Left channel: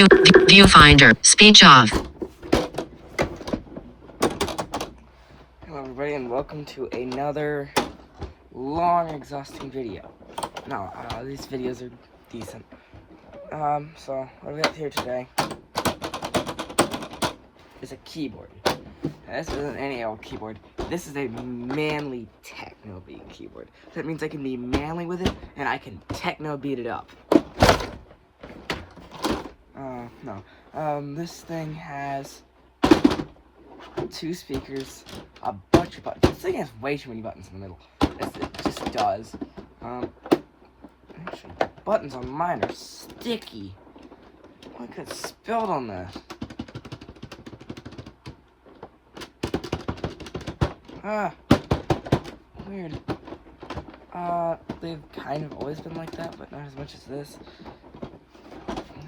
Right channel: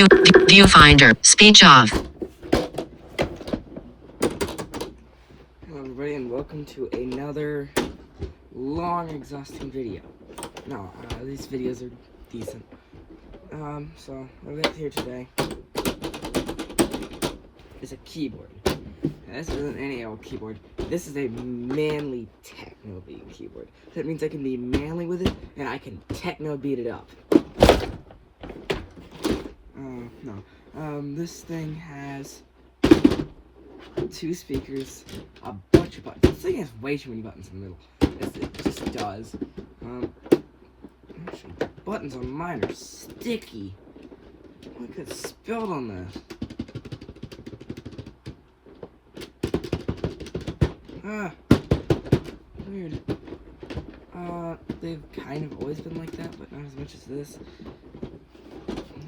Viewfinder. Speech off. Hello everybody and welcome to another long, exhausting video. No, these videos are decent. So what we got here today is a keyboard. Now, this isn't any old keyboard. This is a manly techno beat keyboard. That means I can be manly with it and I can techno beat it up. This thing has 2 speakers, a bunch of buttons. This thing has way too many buttons in the middle. It just does. Actually, the buttons on mine are sticky. Look, it's spilled on this. Weird. They've kind of always been like that, but not as much as this.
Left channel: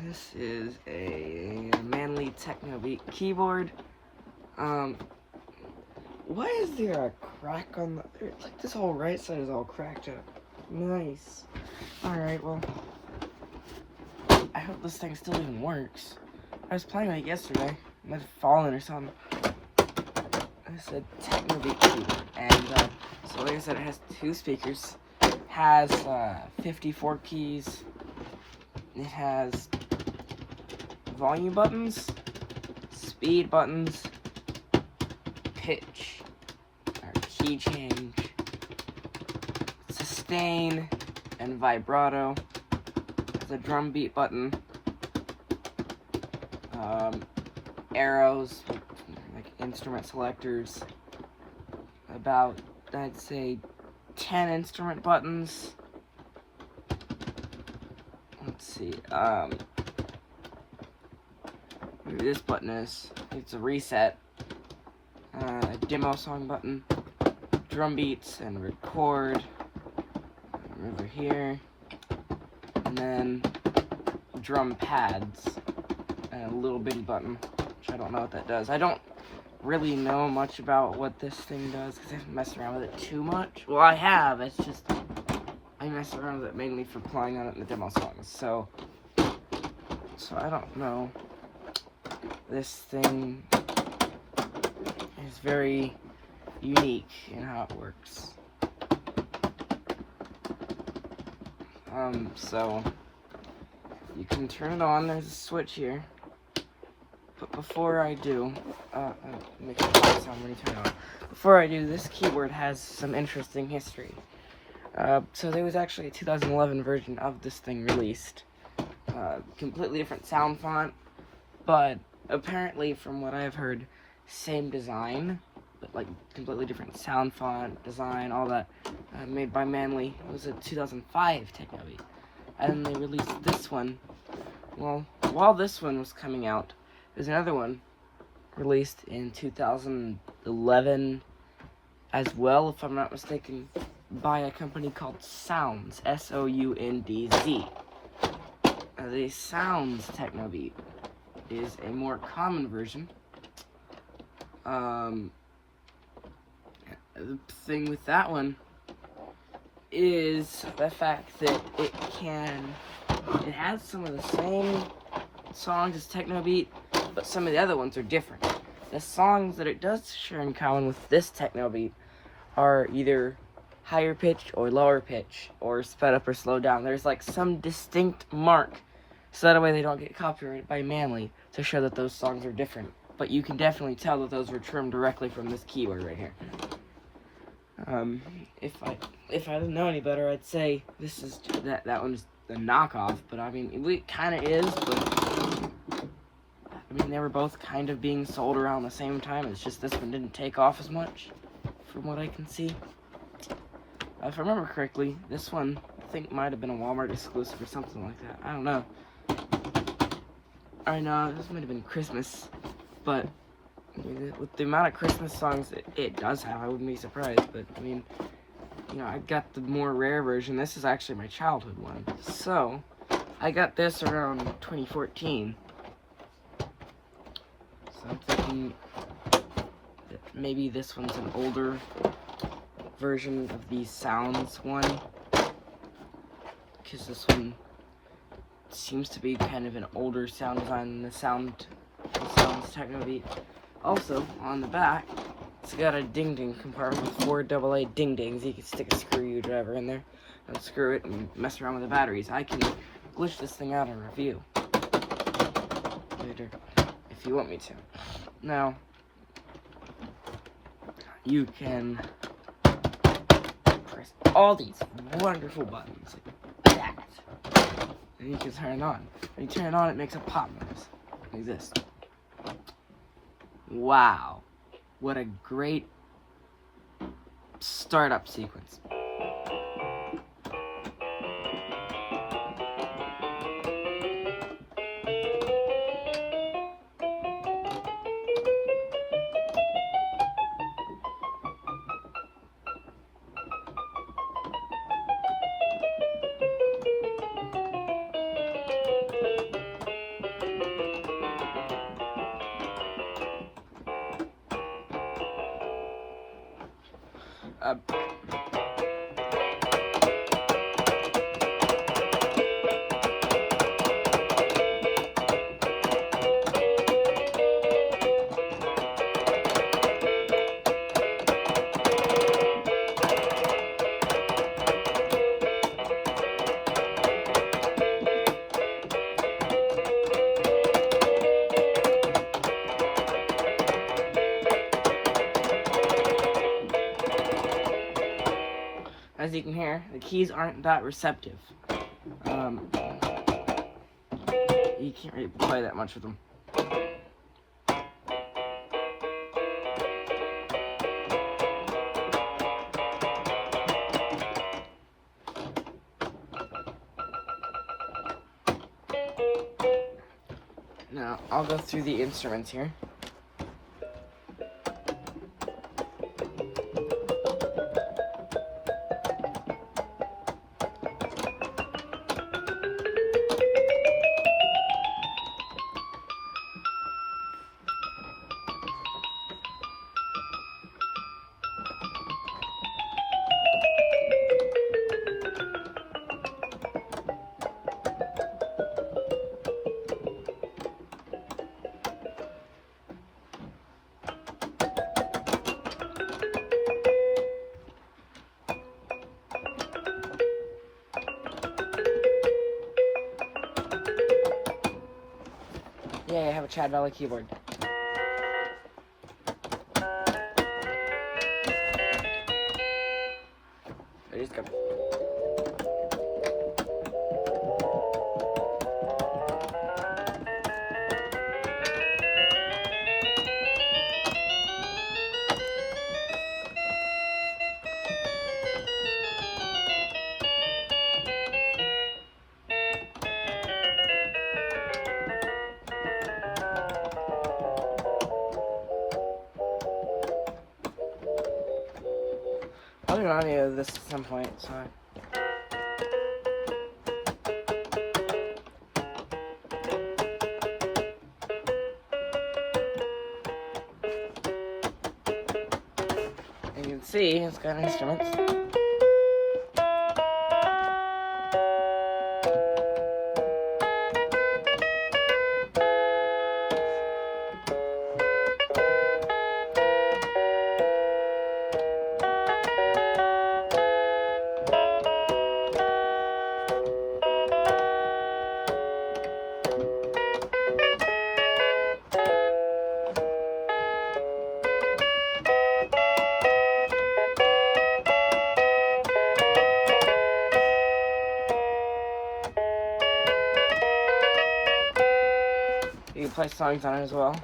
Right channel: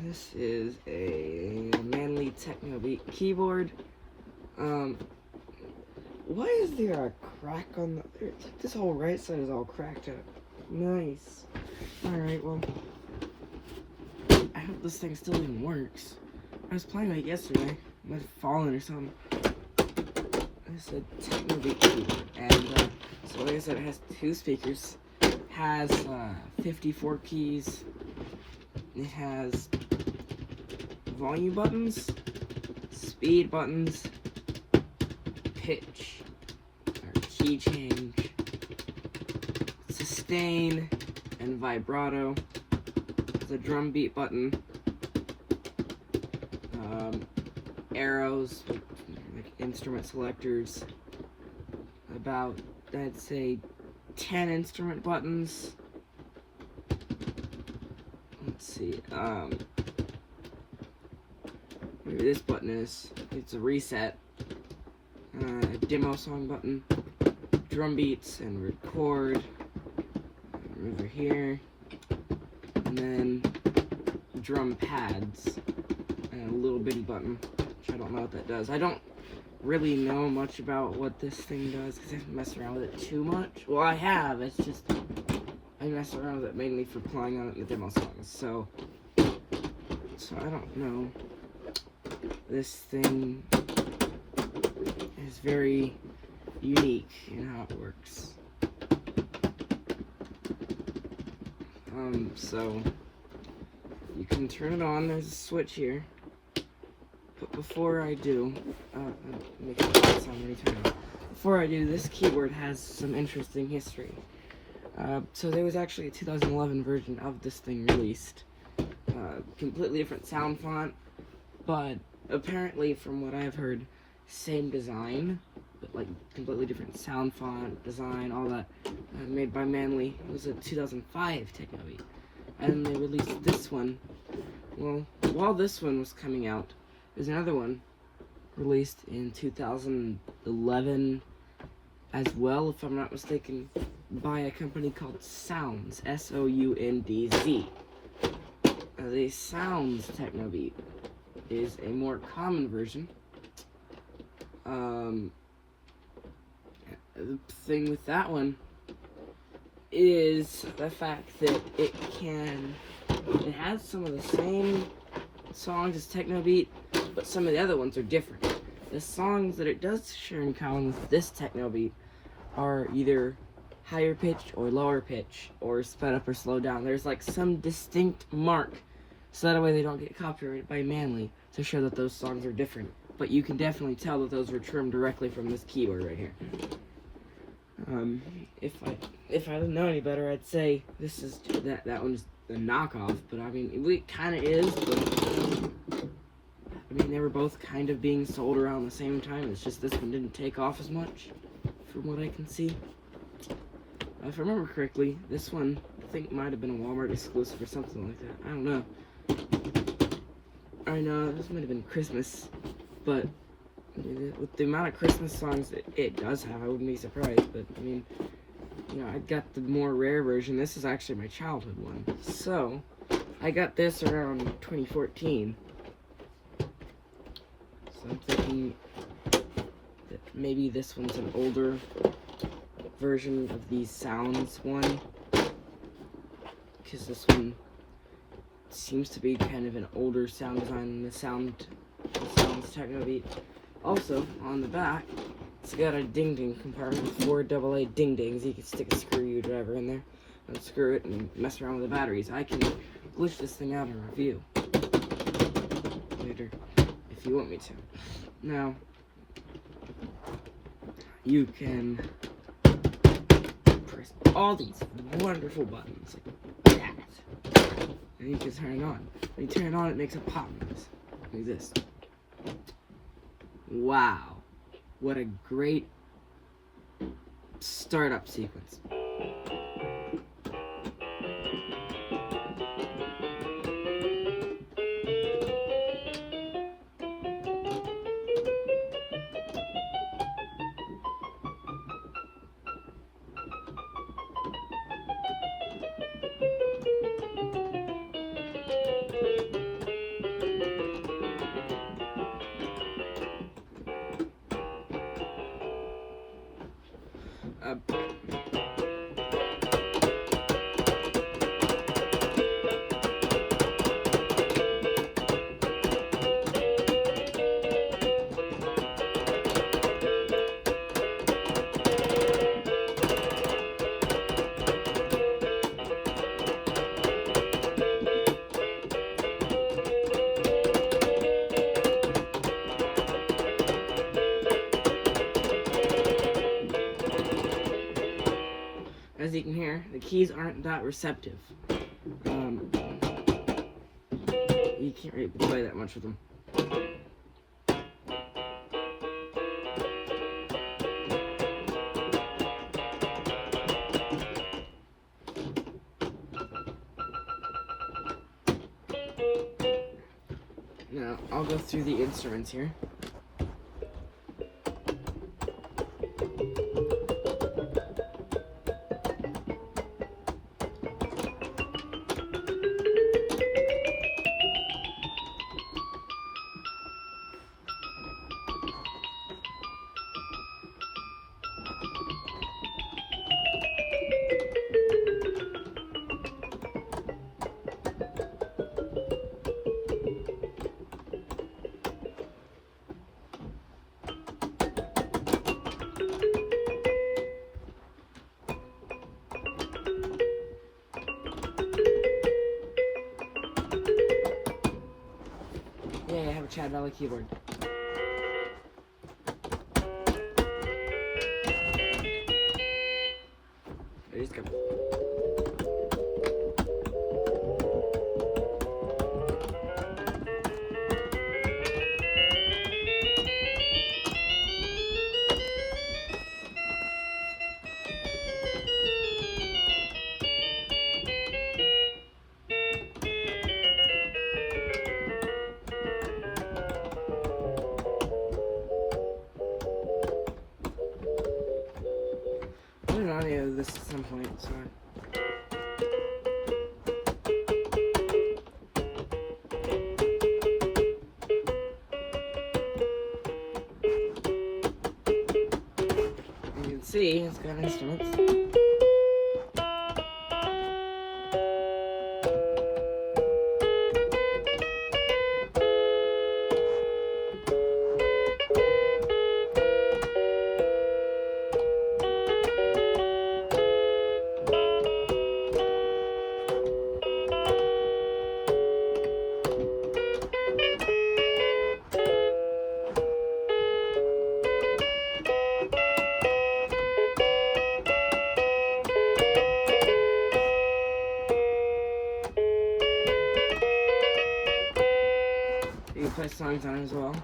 This is a manly techno beat keyboard. Why is there a crack on the... Like, this whole right side is all cracked up. Nice. Alright, well... I hope this thing still even works. I was playing it yesterday. It might have fallen or something. It's a techno beat keyboard. And, so like I said, it has 2 speakers. It has, 54 keys. It has volume buttons, speed buttons, pitch, or key change, sustain, and vibrato. There's a drum beat button, arrows, like instrument selectors, about, I'd say, 10 instrument buttons. Let's see, maybe this button is, it's a reset, a demo song button, drum beats and record, over here, and then drum pads, and a little bitty button, which I don't know what that does. I don't really know much about what this thing does, because I haven't messed around with it too much. Well, I have, it's just, I mess around with it mainly for playing on it in the demo songs, so I don't know. This thing is very unique in how it works. So you can turn it on, there's a switch here. But before I do, make it sound when you turn it on. Before I do, this keyboard has some interesting history. So there was actually a 2011 version of this thing released. Completely different sound font, but apparently from what I've heard, same design, but like completely different sound font, design, all that, made by Manly. It was a 2005 techno beat. And they released this one. Well, while this one was coming out, there's another one released in 2011 as well, if I'm not mistaken, by a company called Sounds, S-O-U-N-D-Z. The Sounds techno beat is a more common version. The thing with that one is the fact that it has some of the same songs as techno beat, but some of the other ones are different. The songs that it does share in common with this techno beat are either higher pitch or lower pitch, or sped up or slowed down. There's like some distinct mark, so that way they don't get copyrighted by Manly, to show that those songs are different. But you can definitely tell that those were trimmed directly from this keyboard right here. If I didn't know any better, I'd say this is that one's the knockoff. But I mean, it kind of is. But I mean, they were both kind of being sold around the same time. It's just this one didn't take off as much, from what I can see. If I remember correctly, this one I think might have been a Walmart exclusive or something like that. I don't know. I know this might have been Christmas, but with the amount of Christmas songs it does have, I wouldn't be surprised. But I mean, you know, I got the more rare version. This is actually my childhood one. So I got this around 2014. So I'm thinking that maybe this one's an older version of the Sounds one, because this one seems to be kind of an older sound design than the sounds techno beat. Also, on the back, it's got a ding-ding compartment with 4 AA ding-dings. You can stick a screwdriver in there and screw it and mess around with the batteries. I can glitch this thing out in review later if you want me to. Now, you can press all these wonderful buttons like that, and you can turn it on. When you turn it on, it makes a pop noise like this. Wow, what a great startup sequence. As you can hear, the keys aren't that receptive. You can't really play that much with them. Now, I'll go through the instruments here. Yeah, I have a Chad Valley keyboard. There you go. I'll be on you this at some point, so. You can see it's got instruments. You can play songs on it as well.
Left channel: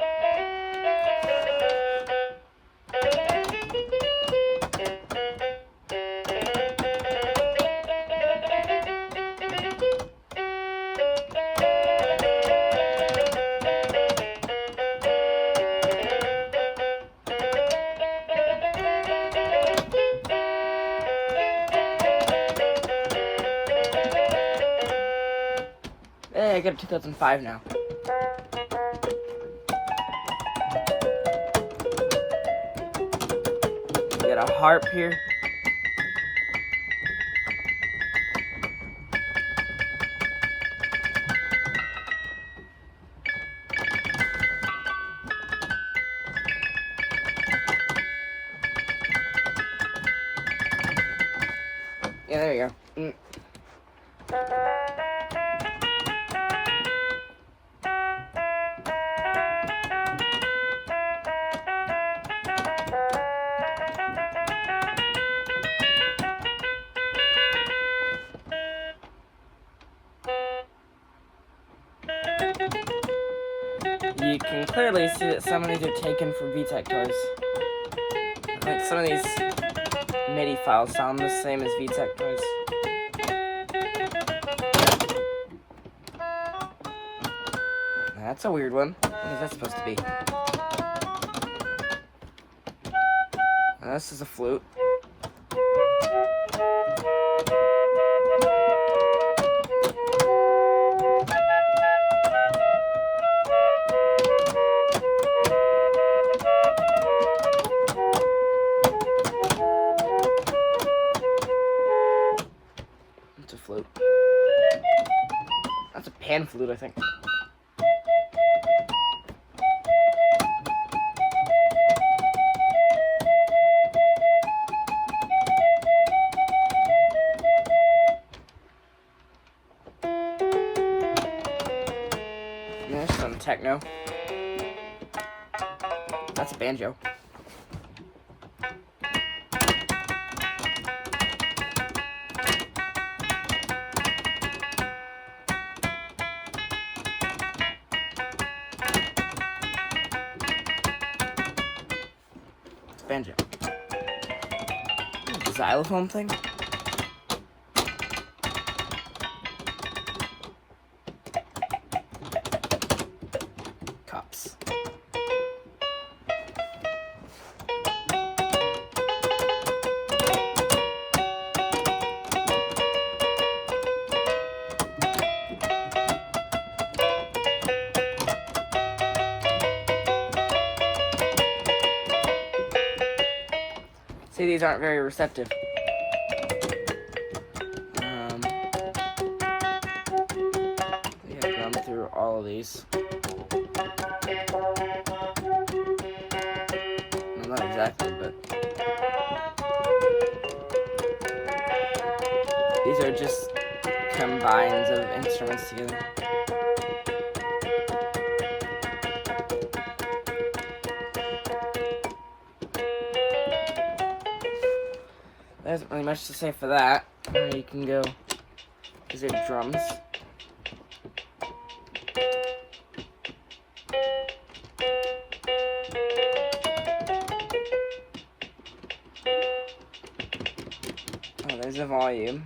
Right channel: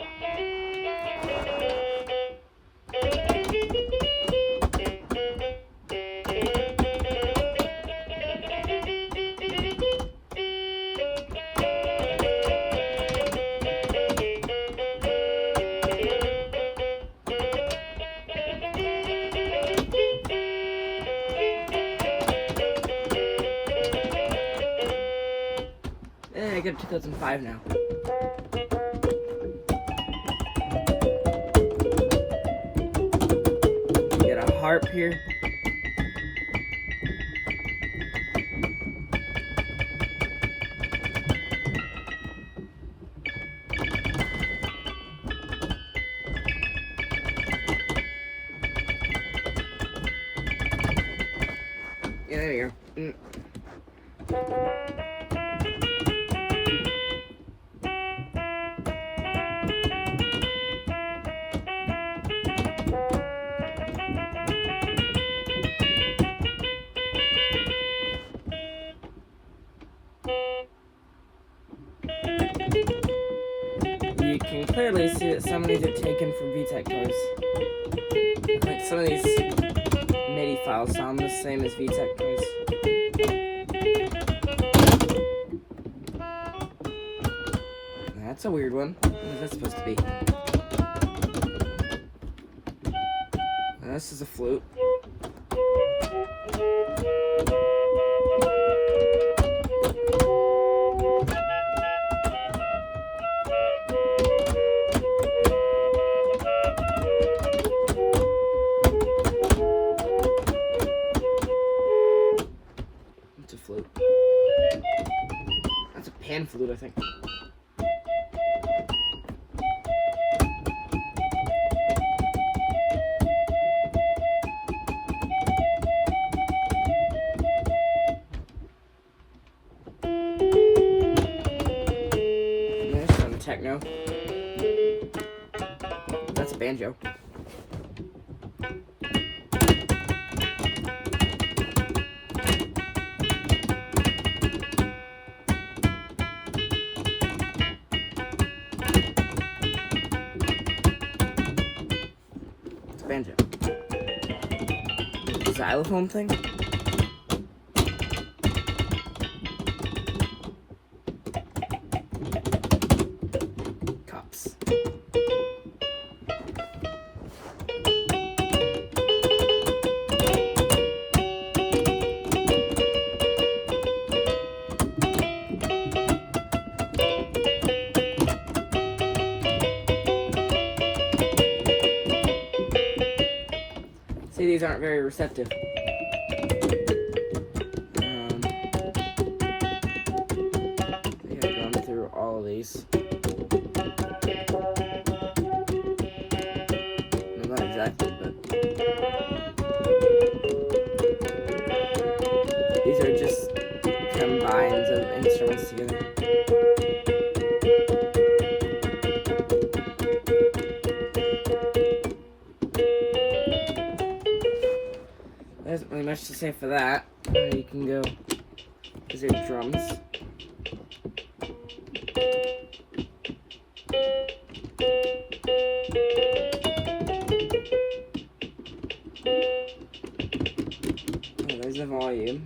Hey, I get 2005 now. Get a harp here. Yeah, there you go. You can clearly see that some of these are taken from VTech toys. Like some of these MIDI files sound the same as VTech toys. That's a weird one. What is that supposed to be? This is a flute. It's a flute. That's a pan flute, I think. There's some techno. That's a banjo. Banjo. Xylophone thing? Cups. See, these aren't very receptive. Yeah, gone through all of these. Well, not exactly, but these are just combines of instruments together. There isn't really much to say for that. You can go, these are drums. Oh, there's the volume.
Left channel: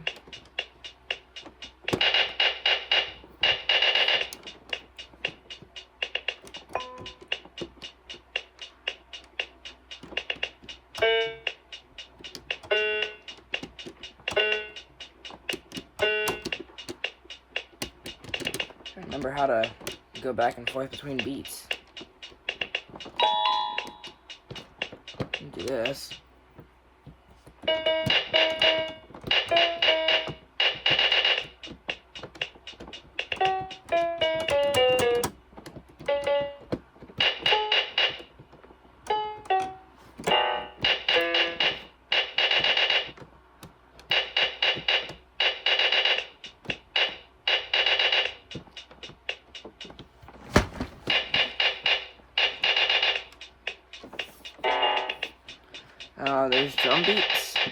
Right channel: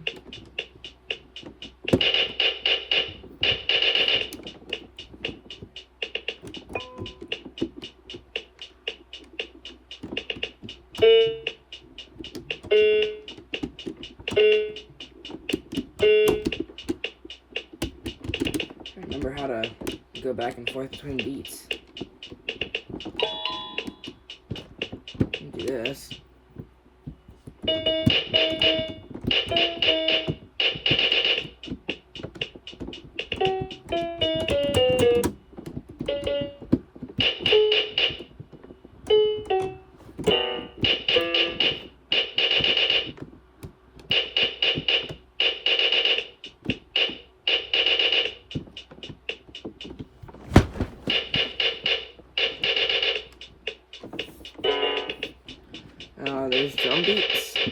I remember how to go back and forth between beats. Do this. There's drum beats. I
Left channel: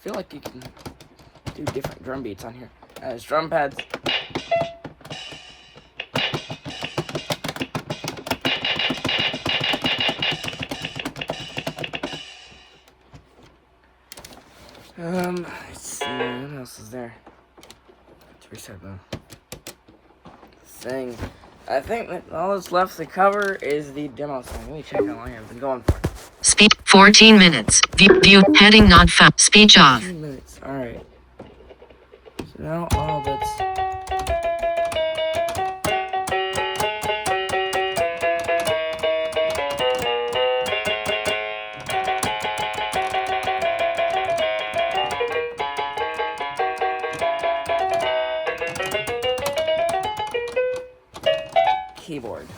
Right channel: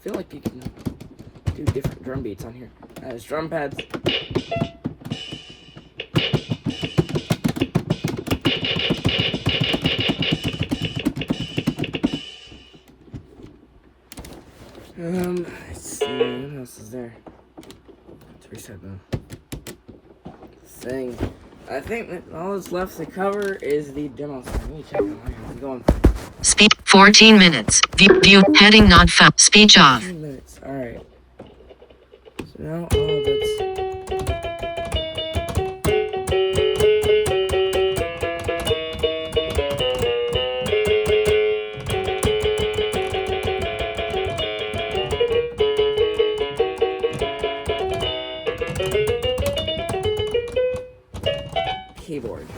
feel like you can do different drum beats on here. There's drum pads. Let's see, what else is there? Let's reset the thing. I think that all that's left to cover is the demo song. Let me check how long I've been going for. Speed 14 minutes. View heading not found. Speech off. 14 minutes. Alright. So now all that's keyboard.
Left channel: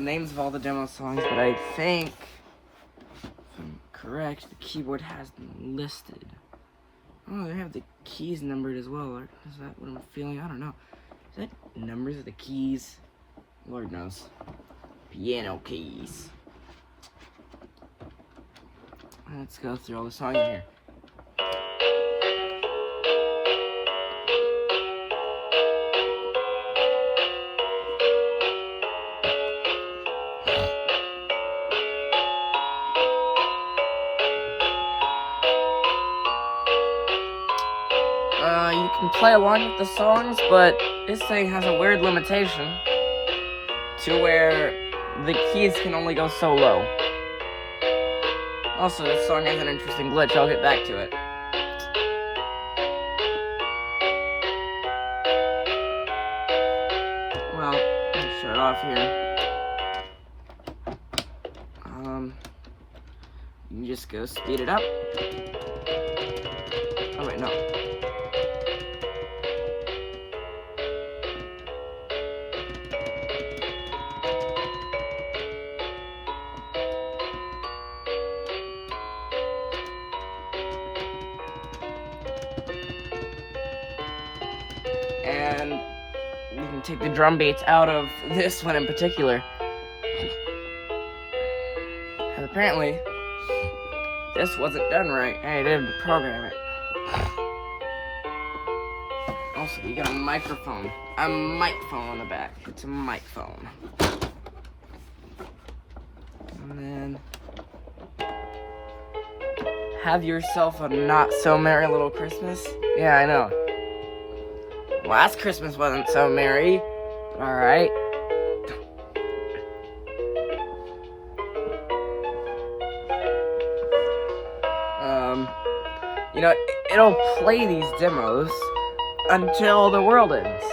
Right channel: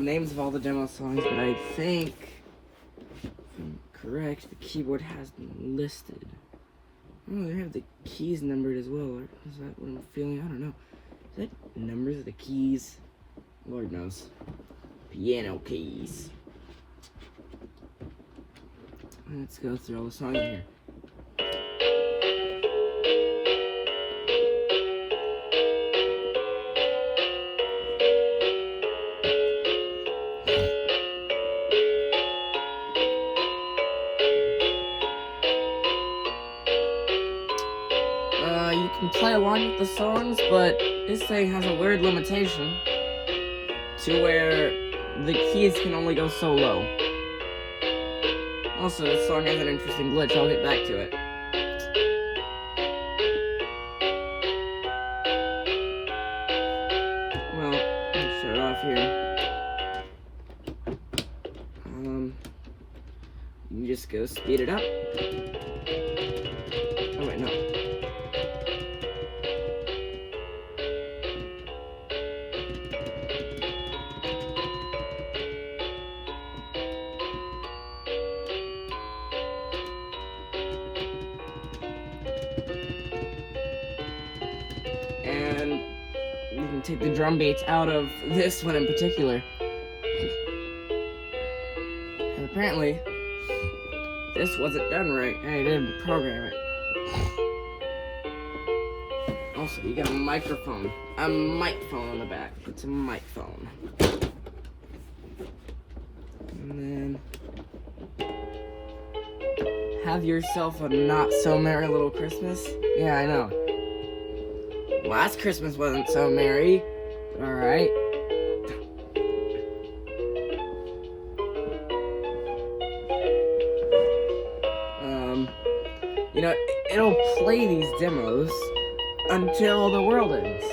the names of all the demo songs, but I think, if I'm correct, the keyboard has them listed. Oh, they have the keys numbered as well. Is that what I'm feeling? I don't know. Is that numbers of the keys? Lord knows. Piano keys. Let's go through all the songs here. You can play along with the songs, but this thing has a weird limitation to where the keys can only go so low. Also, this song has an interesting glitch. I'll get back to it. Well, let's start off here. You just go speed it up. Oh wait, no. And you can take the drum beats out of this one in particular. And apparently, this wasn't done right. I didn't program it. Also, you got a microphone. A microphone on the back. It's a microphone. And then have yourself a not so merry little Christmas. Yeah, I know. Last Christmas wasn't so merry. Alright. You know, it'll play these demos until the world ends.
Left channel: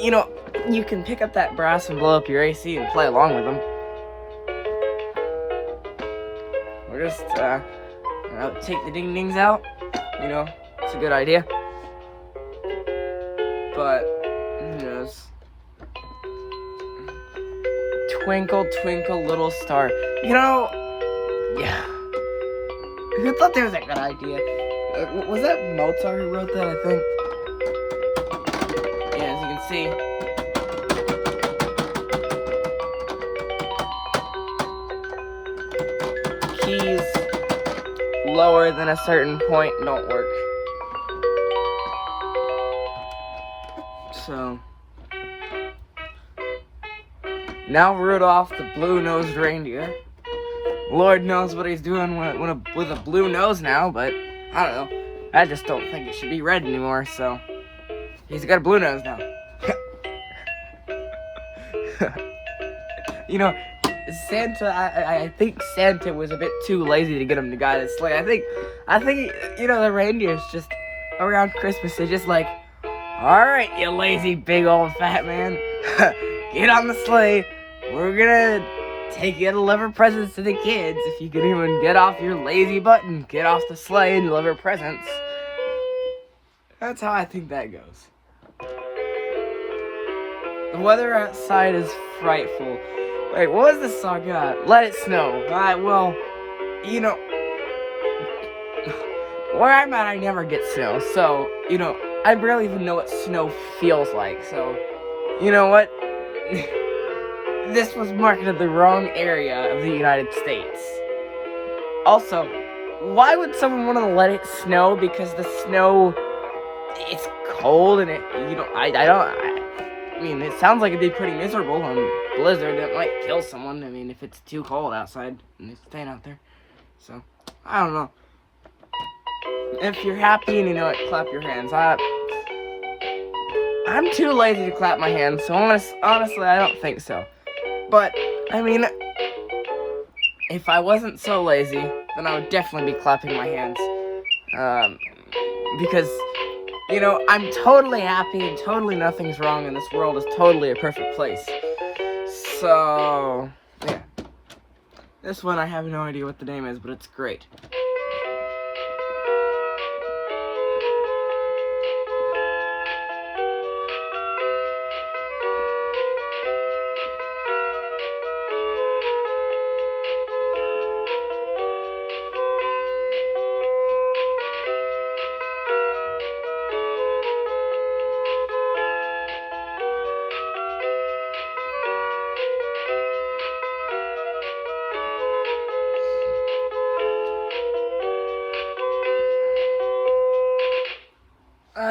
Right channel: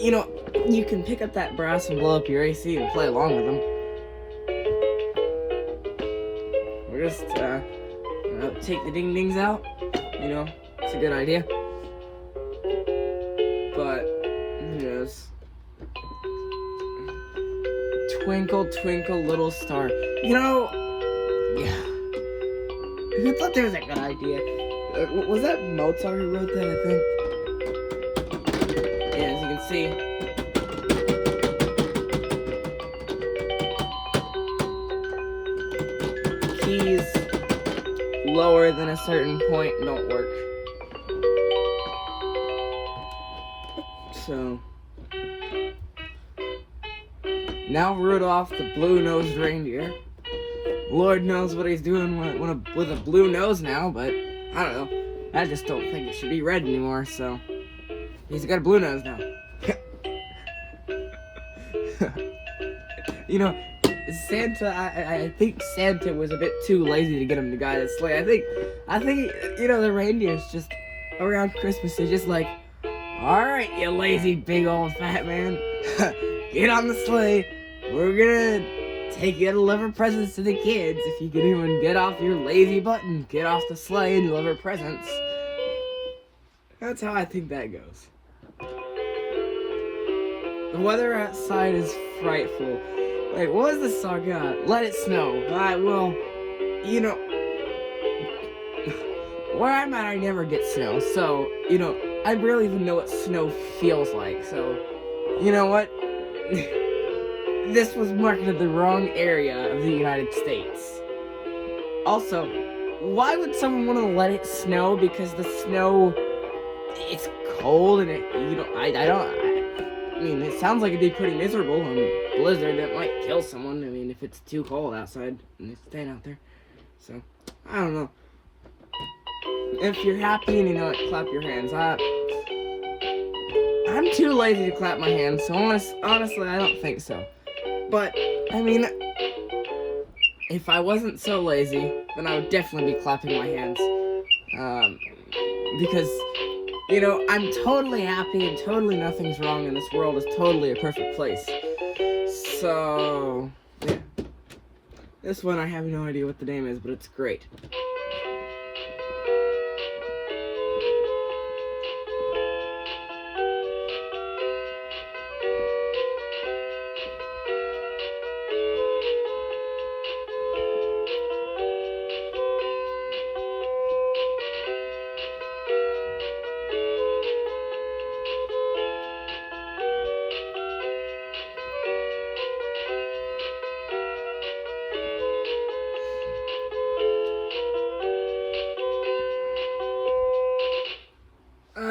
You know, you can pick up that brass and blow up your AC and play along with them. Or just, take the ding-dings out. You know, it's a good idea. But, who knows? Twinkle, twinkle, little star. You know, yeah. Who thought that was a good idea? Was that Mozart who wrote that, I think? Yeah, as you can see. Keys lower than a certain point don't work. So now Rudolph the blue-nosed reindeer. Lord knows what he's doing with a blue nose now, but I don't know. I just don't think it should be red anymore, so he's got a blue nose now. You know, Santa, I think Santa was a bit too lazy to get him to guide his sleigh. I think, you know, the reindeers just, around Christmas, they're just like, alright, you lazy big old fat man, get on the sleigh, we're gonna take you to deliver presents to the kids. If you can even get off your lazy butt and get off the sleigh and deliver presents. That's how I think that goes. The weather outside is frightful. Wait, what was the song got? Let It Snow. Well, you know, where I'm at, I never get snow. So, you know, I barely even know what snow feels like. So, you know what? This was marketed the wrong area of the United States. Also, why would someone want to let it snow? Because the snow, it's cold and it, you know, I mean, it sounds like it'd be pretty miserable. Blizzard, that might kill someone. I mean, if it's too cold outside and you're staying out there. So, I don't know. If you're happy and you know it, clap your hands. I'm too lazy to clap my hands, so honestly, I don't think so. But, I mean, if I wasn't so lazy, then I would definitely be clapping my hands. Because, you know, I'm totally happy and totally nothing's wrong and this world is totally a perfect place. So, yeah. This one, I have no idea what the name is, but it's great.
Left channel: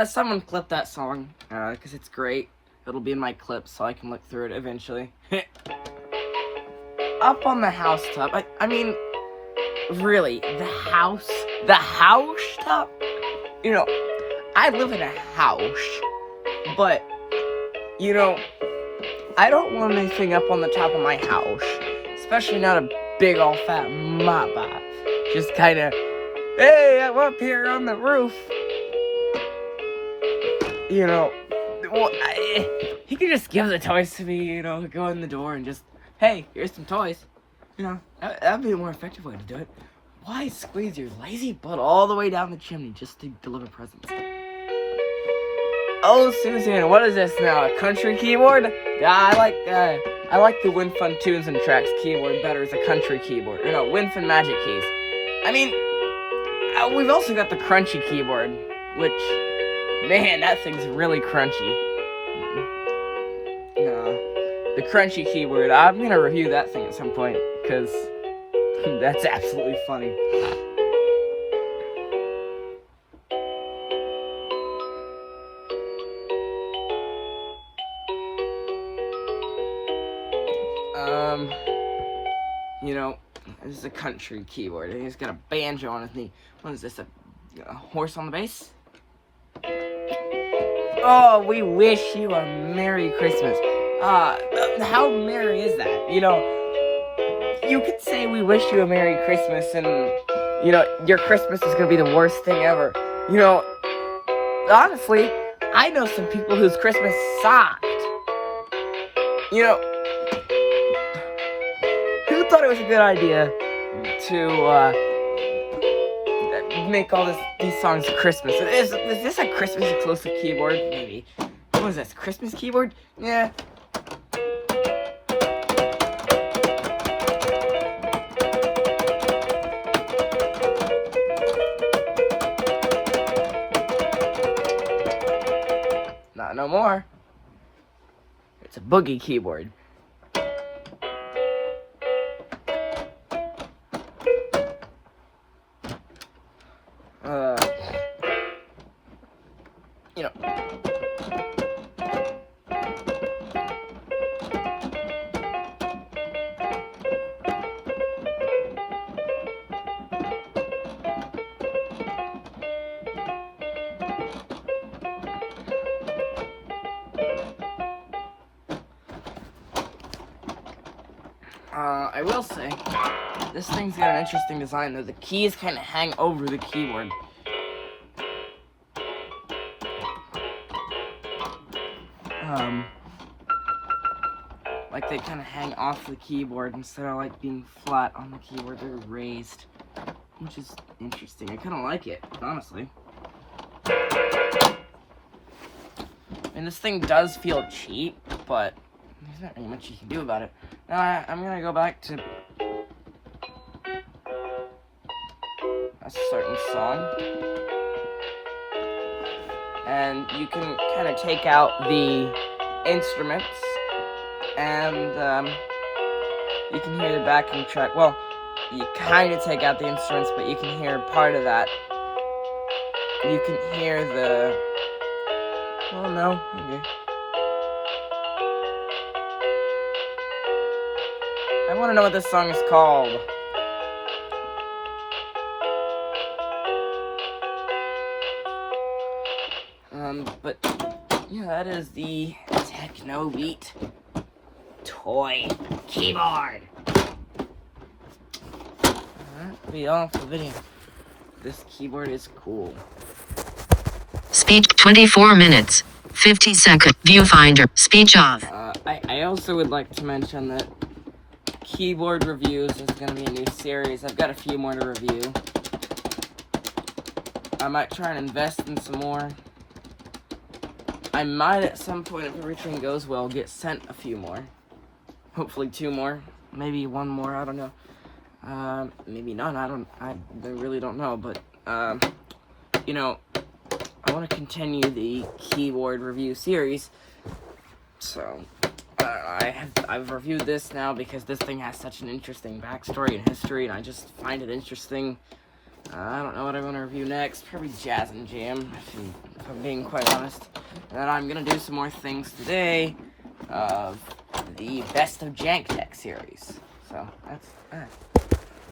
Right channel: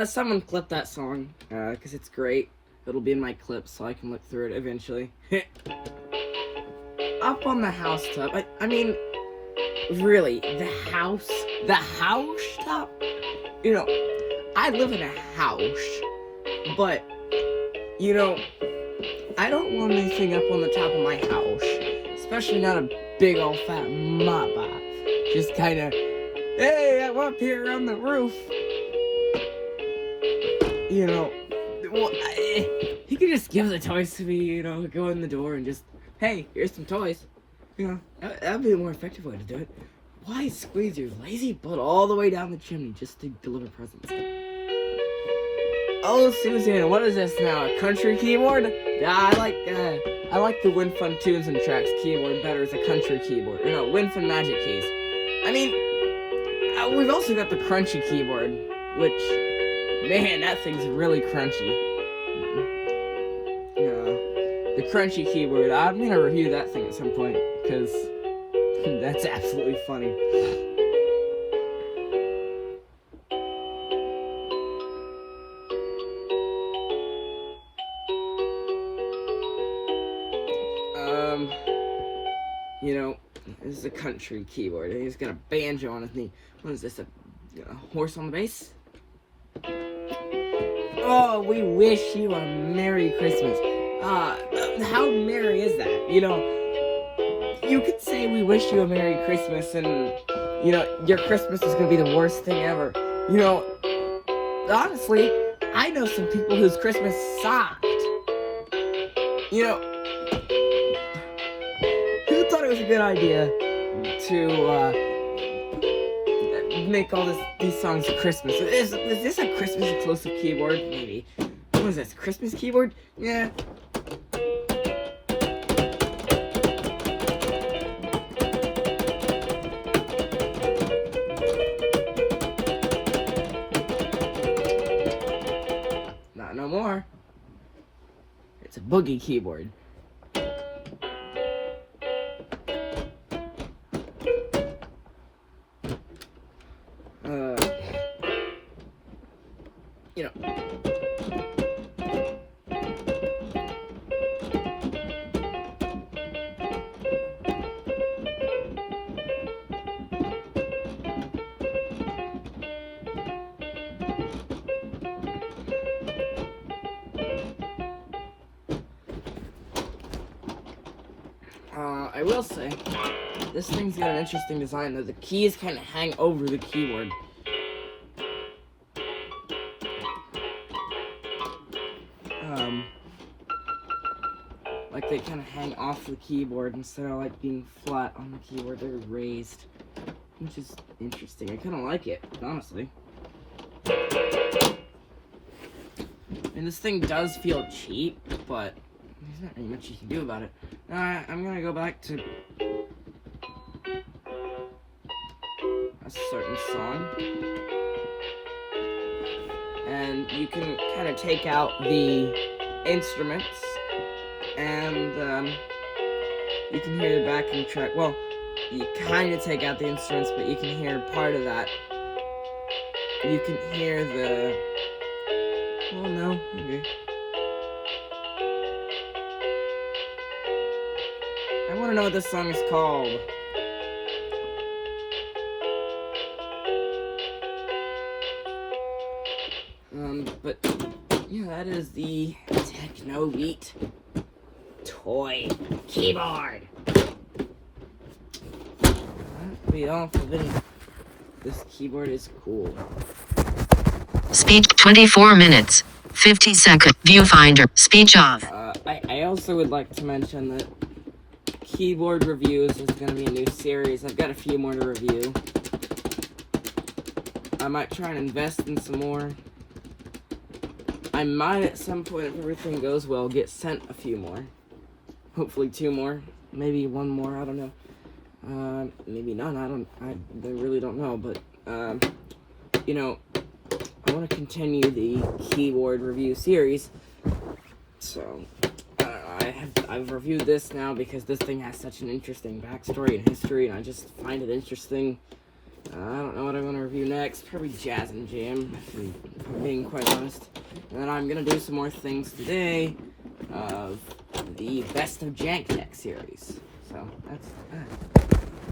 Someone clip that song, because it's great. It'll be in my clips so I can look through it eventually. Up on the housetop, I mean, really, the house top? You know, I live in a house, but, you know, I don't want anything up on the top of my house, especially not a big old fat mop up. Just kind of, hey, I'm up here on the roof. You know, well, he could just give the toys to me, you know, go in the door and just, hey, here's some toys. You know, that'd be a more effective way to do it. Why squeeze your lazy butt all the way down the chimney just to deliver presents? Oh, Suzanne, what is this now? A country keyboard? Yeah, I like the WinFun Tunes and Tracks keyboard better as a country keyboard. You know, WinFun Magic Keys. I mean, we've also got the crunchy keyboard, which, man, that thing's really crunchy. The crunchy keyboard, I'm gonna review that thing at some point, because that's absolutely funny. You know, this is a country keyboard, and he's got a banjo on his knee. What is this, a horse on the bass? Oh, we wish you a Merry Christmas. How merry is that? You know, you could say we wish you a Merry Christmas, and, you know, your Christmas is gonna be the worst thing ever. You know, honestly, I know some people whose Christmas sucked. You know, who thought it was a good idea to, make all these songs Christmas? Is this a Christmas exclusive keyboard? Maybe. What is this, Christmas keyboard? Yeah. Not no more. It's a boogie keyboard. You know. I will say, this thing's got an interesting design though. The keys kind of hang over the keyboard. Like they kind of hang off the keyboard instead of like being flat on the keyboard. They're raised, which is interesting. I kind of like it, honestly. And this thing does feel cheap, but there's not really much you can do about it. Now I'm gonna go back to a certain song, and you can kind of take out the instruments, and you can hear the backing track. Well, you kind of take out the instruments, but you can hear part of that. You can hear the... Oh no, okay. I want to know what this song is called. But yeah, that is the Techno Beat toy keyboard. That'll be all for the video. This keyboard is cool. Speech 24 minutes. 50 second. Viewfinder. Speech off. I also would like to mention that keyboard reviews is going to be a new series. I've got a few more to review. I might try and invest in some more. I might at some point, if everything goes well, get sent a few more. Hopefully 2 more. Maybe 1 more, I don't know. Maybe none, I really don't know, but, you know, I want to continue the keyboard review series, so, I've reviewed this now because this thing has such an interesting backstory and history, and I just find it interesting. I don't know what I want to review next, probably Jazz and Jam, if if I'm being quite honest. And then I'm gonna do some more things today of the Best of Jank Tech series. So that's that.